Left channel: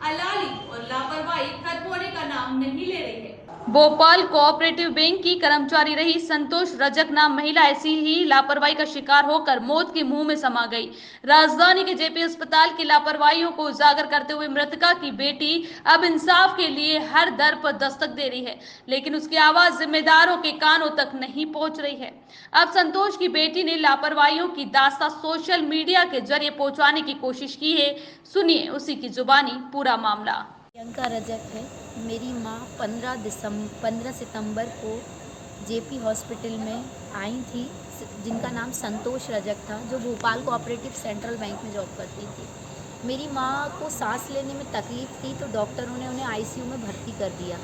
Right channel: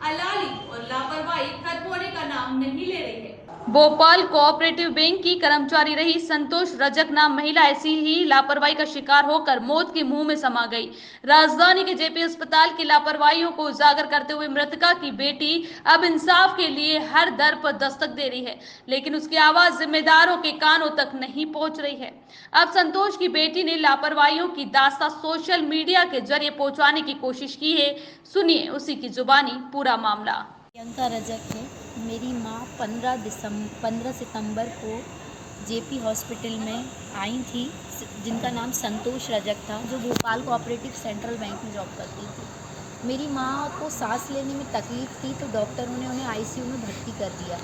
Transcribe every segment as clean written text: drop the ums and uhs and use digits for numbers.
अलाली और लापरवाही खत्म होने का नाम नहीं ले रही है। भोपाल कोऑपरेटिव बैंक की कर्मचारी रही संतोष रजक नाम महिला ऐसी ही लापरवाही का शिकार होकर मौत के मुंह में समा गई। राजधानी के जेपी अस्पताल की लापरवाहियों को उजागर करते हुए मृतका की बेटी अब इंसाफ के लिए हर दर पर दस्तक दे रही है, लेकिन उसकी आवाज जिम्मेदारों के कानों तक नहीं पहुंच रही है। अब संतोष की बेटी ने लापरवाहियों की दास्तां सोशल मीडिया के जरिए पहुंचाने की कोशिश की है। सुनिए उसी की जुबानी पूरा मामला। प्रियंका रजक है। मेरी माँ 15 सितंबर को जेपी हॉस्पिटल में आई थी, जिनका नाम संतोष रजक था, जो भोपाल कोऑपरेटिव सेंट्रल बैंक में जॉब करती थी। मेरी माँ को सांस लेने में तकलीफ़ थी, तो डॉक्टरों ने उन्हें आईसीयू में भर्ती कर दिया।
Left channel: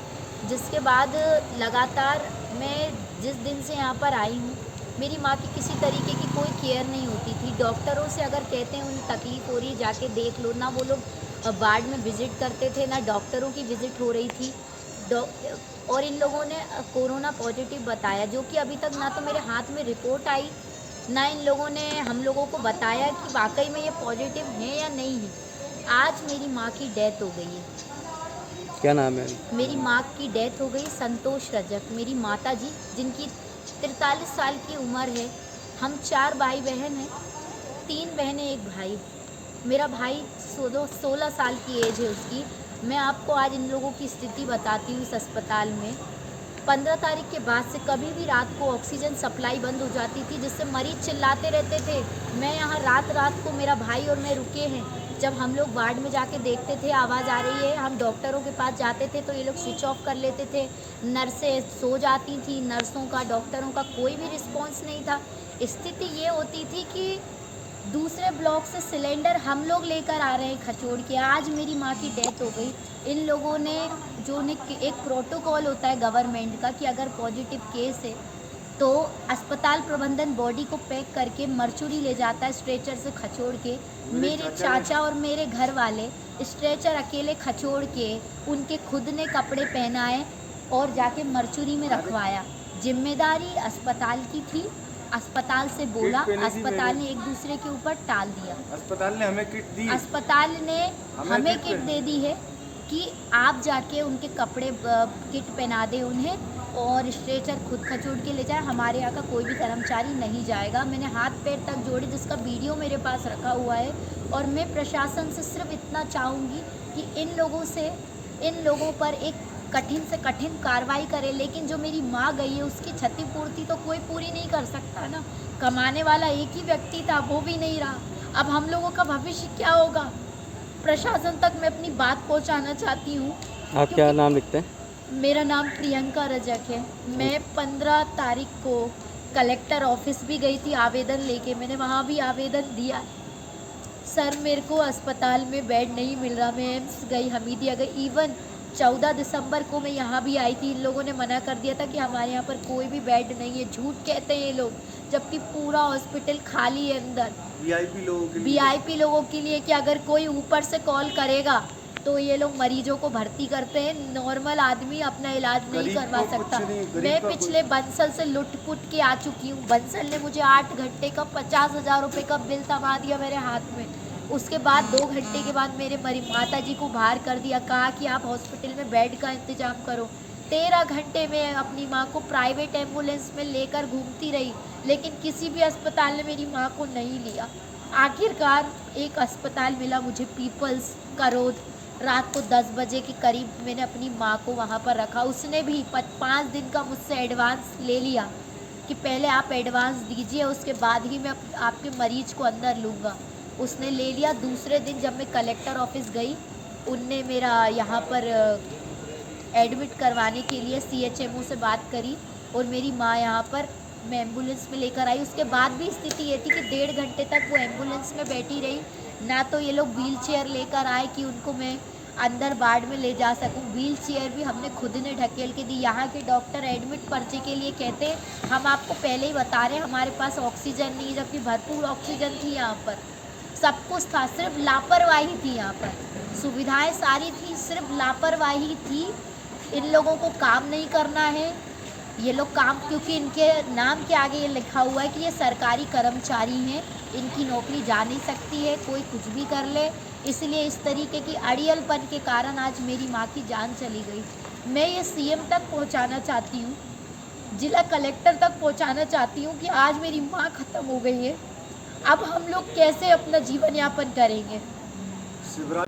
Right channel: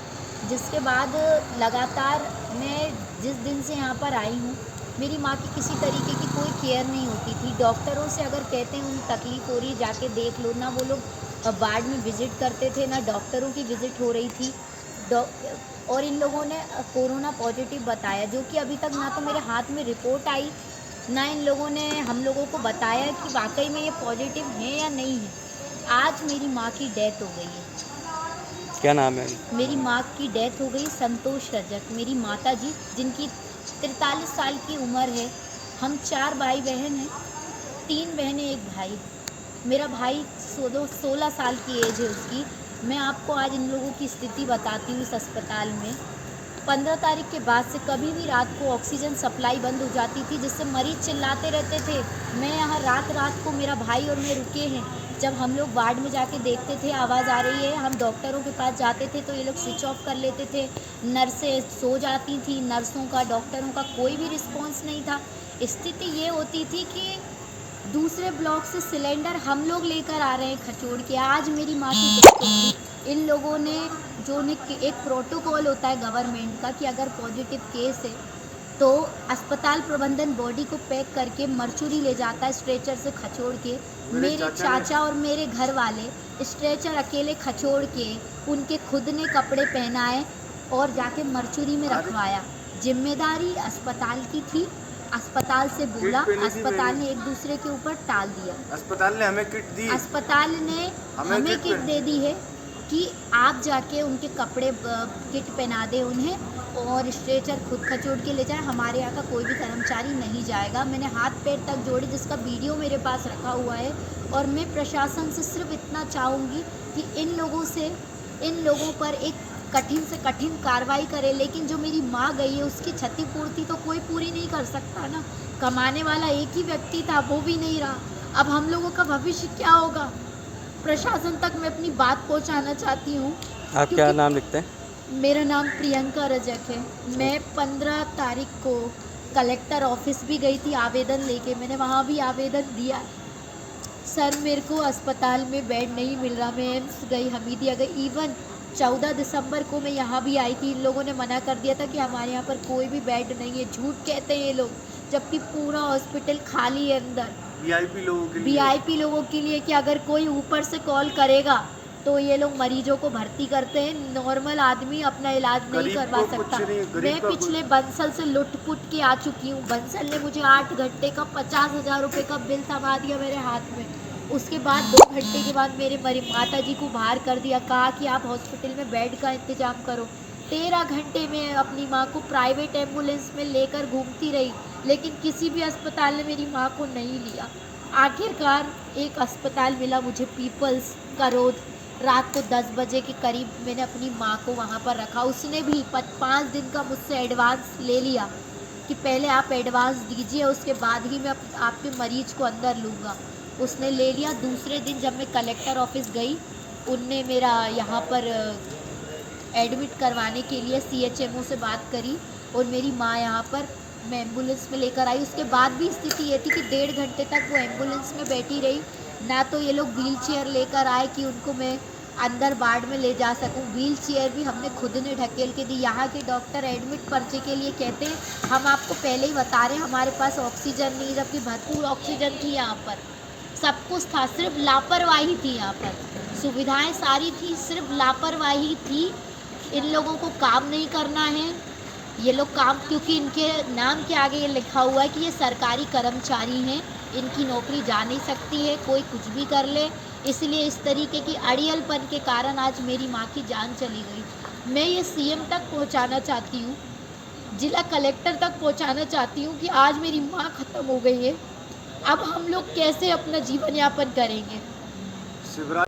जिसके बाद लगातार मैं जिस दिन से यहाँ पर आई हूँ, मेरी माँ की किसी तरीके की कोई केयर नहीं होती थी। डॉक्टरों से अगर कहते हैं उन्हें तकलीफ़ हो रही, जाके देख लो, ना वो लोग वार्ड में विज़िट करते थे, ना डॉक्टरों की विज़िट हो रही थी। और इन लोगों ने कोरोना पॉजिटिव बताया, जो कि अभी तक ना तो मेरे हाथ में रिपोर्ट आई, ना इन लोगों ने हम लोगों को बताया कि वाकई में ये पॉजिटिव है या नहीं है। आज मेरी माँ की डेथ हो गई है। क्या नाम है? मेरी माँ की डेथ हो गई संतोष रजक, मेरी माता जी, जिनकी 43 साल की उम्र है। हम 4 भाई बहन हैं, 3 बहनें 1 भाई। मेरा भाई 16 साल की एज है उसकी। मैं आपको आज इन लोगों की स्थिति बताती हूँ। इस अस्पताल में 15 तारीख के बाद से कभी भी रात को ऑक्सीजन सप्लाई बंद हो जाती थी, जिससे मरीज चिल्लाते रहते थे। मैं यहाँ रात को मेरा भाई और मैं रुके हैं। जब हम लोग वार्ड में जाके देखते थे आवाज़ आ रही है, हम डॉक्टरों के पास जाते थे तो ये लोग स्विच ऑफ कर लेते थे। नर्सें सो जाती थी, नर्सों का, डॉक्टरों का कोई भी रिस्पॉन्स नहीं था। स्थिति ये होती थी कि दूसरे ब्लॉक से सिलेंडर हम लोग लेकर आ रहे हैं खचोड़ के। आज मेरी माँ की डेथ हो गई। इन लोगों ने एक प्रोटोकॉल होता है गवर्नमेंट का कि अगर पॉजिटिव केस है तो अस्पताल प्रबंधन बॉडी को पैक करके मर्चुरी ले जाता है स्ट्रेचर से खचोड़ के। मेरे चाचा और मेरे घर वाले स्ट्रेचर अकेले खचोड़ के उनके खुद ने कपड़े पहनाए और जाके मर्चुरी में रखवाया। जिम्मेदारी अस्पताल की थी। अस्पताल से बोला, अस्पताल ने एक दूसरे के ऊपर टाल दिया। अस्पताल ने हमें किट दी, अस्पताल ने हमें किट दे दी है कि आप जाके उनके कपड़े किट पहना दें उन्हें और स्ट्रेचर खुद खचोड़ के ले जाए। हमारे यहाँ का कोई भी कर्मचारी नहीं जाएगा। मैंने हाथ पैर तक जोड़े, जिसका वीडियो मेरे पास रखा हुआ है। और मैं प्रशासन से सिर्फ इतना चाहूँगी कि इन लोगों पर एक कठिन से कठिन कार्रवाई करे। लेकिन जो मेरी माँ गई है उसकी क्षतिपूर्ति तो कोई पूरी नहीं कर सकता ना। कमाने वाला एक ही व्यक्ति था, वो भी नहीं रहा। अब हम लोगों का भविष्य क्या होगा? प्रशासन तक मैं अपनी बात पहुंचाना चाहती हूँ। आप क्या नाम लिखते हैं? मेरा नाम प्रियंका रजक है। मैं 15 तारीख को कलेक्टर ऑफिस भी गई थी आवेदन लेके। मैंने वहाँ भी आवेदन दिया। सर, मेरे को अस्पताल में बेड नहीं मिल रहा। मैं एम्स गई, हमीदिया गई। इवन 14 दिसंबर को मैं यहाँ भी आई थी। इन लोगों ने मना कर दिया था कि हमारे यहाँ पर कोई भी बेड नहीं है। झूठ कहते हैं ये लोग, जबकि पूरा हॉस्पिटल खाली है अंदर। वीआईपी लोगों के लिए कि अगर कोई ऊपर से कॉल करेगा तो ये लोग मरीजों को भर्ती करते हैं। नॉर्मल आदमी अपना इलाज नहीं करवा सकता। मैं पिछले बंसल से लुट-पुट के आ चुकी हूँ। बंसल ने मुझे 8 घंटे का 50,000 रुपये का बिल थमा दिया मेरे हाथ में। उसके बाद 2 घंटे के बाद मेरे माता जी को बाहर कर दिया, कहा कि आप हॉस्पिटल में बेड का इंतज़ाम करो। 13 घंटे में अपनी माँ को प्राइवेट एम्बुलेंस में लेकर घूमती रही, लेकिन किसी भी अस्पताल ने मेरी माँ को नहीं लिया। आखिरकार एक अस्पताल मिला मुझे, पीपल्स करोद। रात को 10 बजे के करीब मैंने अपनी माँ को वहाँ पर रखा। उसने भी 5 दिन का मुझसे एडवांस ले लिया कि पहले आप एडवांस दीजिए, उसके बाद ही मैं आपके मरीज को अंदर लूँगा। उसने ले लिया। दूसरे दिन जब मैं कलेक्टर ऑफिस गई, उनने मेरा यहाँ पर एडमिट करवाने के लिए CHMO से बात करी और मेरी माँ यहाँ पर मैं एम्बुलेंस में लेकर आई। उसके बाद भी स्थिति ये थी कि 1.5 घंटे तक वो एम्बुलेंस में बैठी रही। ना तो ये लोग व्हील चेयर लेकर आए कि उनको मैं अंदर वार्ड में ले जा सकूं। व्हील चेयर भी हमने खुद ने ढकेल के दी। यहाँ के डॉक्टर एडमिट पर्चे के लिए कहते हैं हम आपको पहले ही बता रहे हैं हमारे पास ऑक्सीजन नहीं, जबकि भरपूर ऑक्सीजन थी यहाँ पर। सब कुछ था, सिर्फ लापरवाही थी। यहाँ पर सुविधाएं सारी थी, सिर्फ लापरवाही थी। इन लोगों को काम नहीं करना है। ये लोग काम, क्योंकि इनके नाम के आगे ये लिखा हुआ है कि ये सरकारी कर्मचारी हैं, इनकी नौकरी जा नहीं सकती है, कोई कुछ भी कर ले, इसलिए इस तरीके की अड़ियलपन के कारण आज मेरी माँ की जान चली गई। मैं ये सीएम तक पहुंचाना चाहती हूँ, जिला कलेक्टर तक पहुंचाना चाहती हूँ कि आज मेरी माँ ख़त्म हो गई है, अब हम लोग कैसे अपना जीवन यापन करेंगे। शिवराज